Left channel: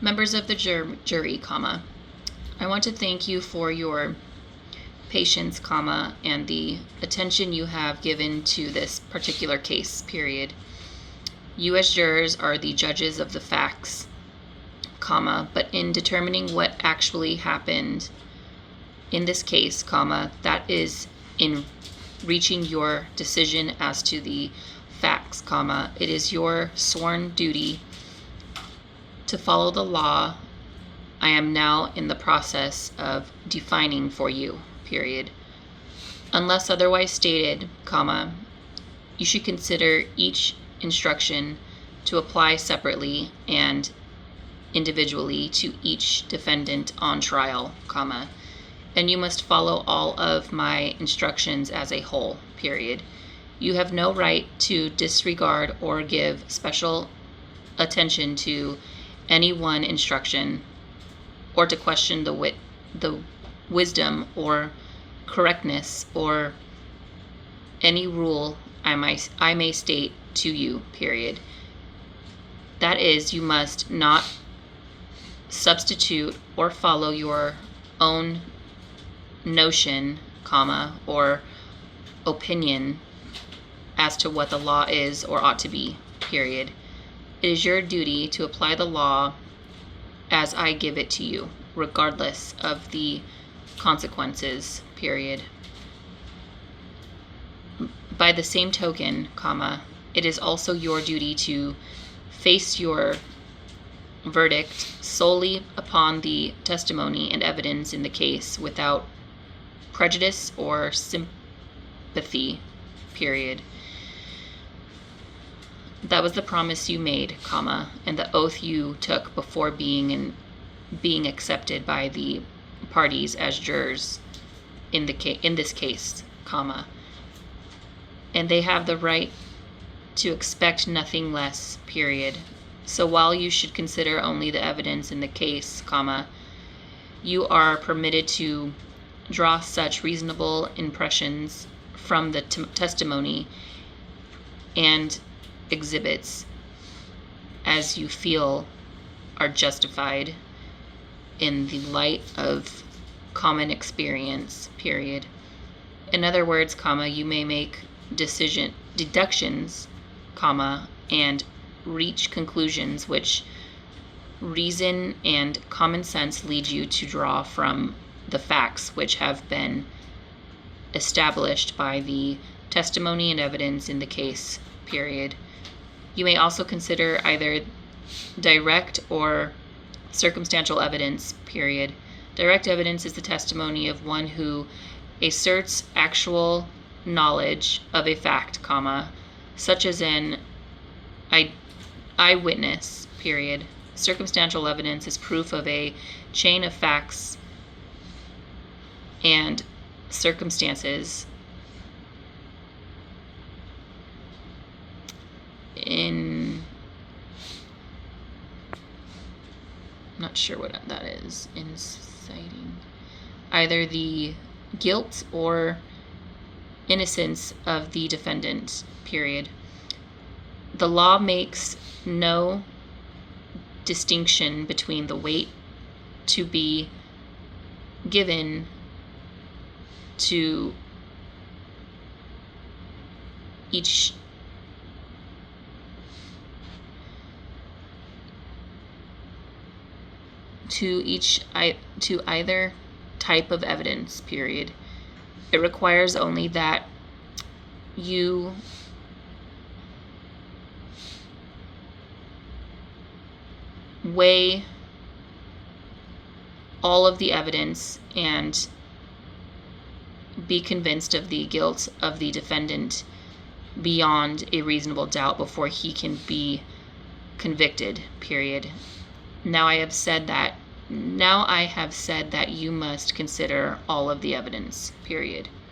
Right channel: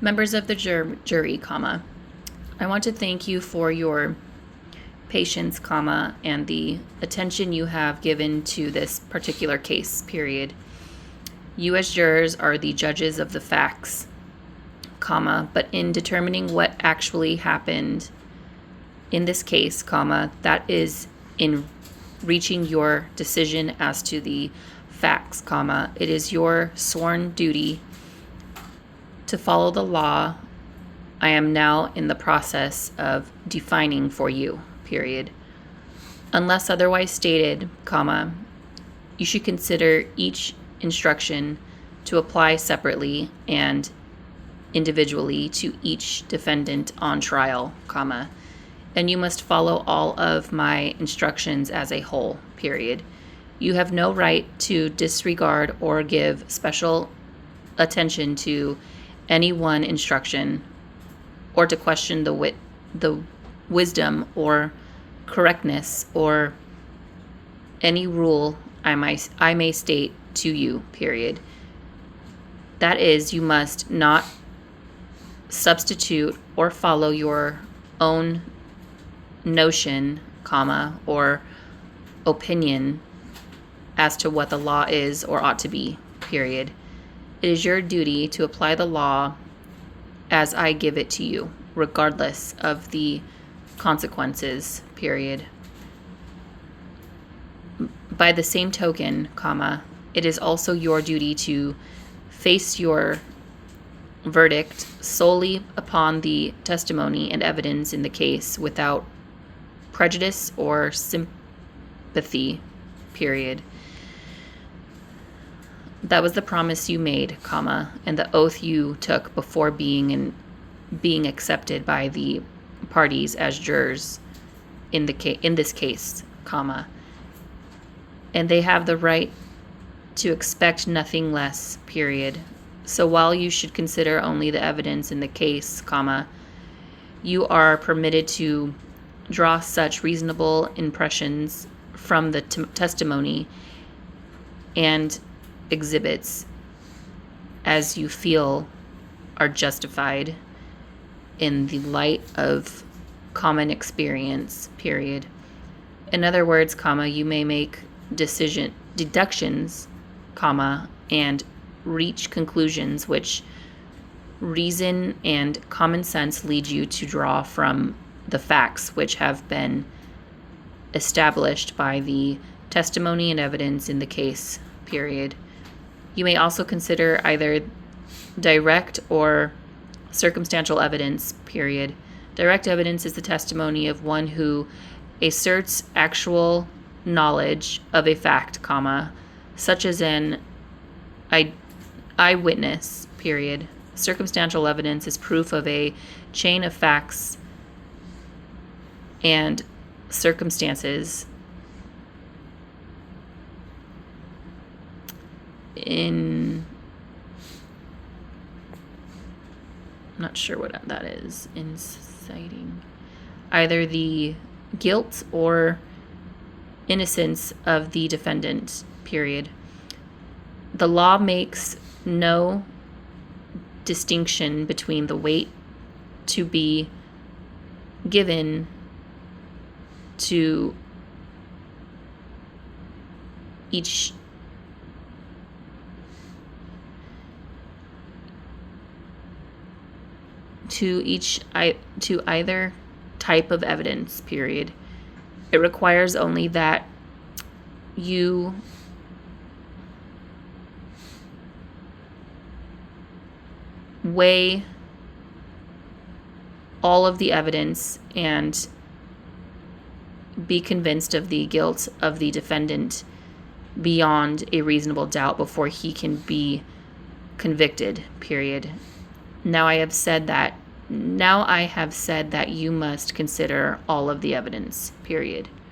Members of the jury, comma, I want to thank you for your patience, comma, and the attention you have given to this particular case, period. You as jurors are the judges of the facts, comma, but in determining what actually happened in this case, comma, that is in reaching your decision as to the facts, comma, it is your sworn duty to follow the law I am now in the process of defining for you, period. Unless otherwise stated, comma, you should consider each instruction to apply separately and individually to each defendant on trial, comma, and you must follow all of my instructions as a whole, period. You have no right to disregard or give special attention to any one instruction or to question the wisdom or correctness or any rule I may state to you, period. That is, you must not substitute or follow your own notion, comma, or opinion as to what the law is or ought to be, period. It is your duty to apply the law as I give it to you, regardless of the consequences, period. By the same token, comma, it is also your duty to face your verdict solely upon the testimony and evidence in the case without prejudice or sympathy, period. That was the promise you made, comma, and the oath you took before being accepted by the parties as jurors in this case, comma. And they have the right to expect nothing less, period. So while you should consider only the evidence in the case, comma, you are permitted to draw such reasonable impressions from the testimony and exhibits as you feel are justified in the light of common experience, period. In other words, comma, you may make deductions, comma, and reach conclusions which reason and common sense lead you to draw from the facts which have been established by the testimony and evidence in the case, period. You may also consider either direct or circumstantial evidence, period. Direct evidence is the testimony of one who asserts actual knowledge of a fact, comma, such as an eyewitness, period. Circumstantial evidence is proof of a chain of facts and circumstances I'm not sure what that is, inciting either the guilt or innocence of the defendant, period. The law makes no distinction between the weight to be given to each to either type of evidence, period. It requires only that you weigh all of the evidence and be convinced of the guilt of the defendant beyond a reasonable doubt before he can be convicted, period. Now I have said that you must consider all of the evidence, period.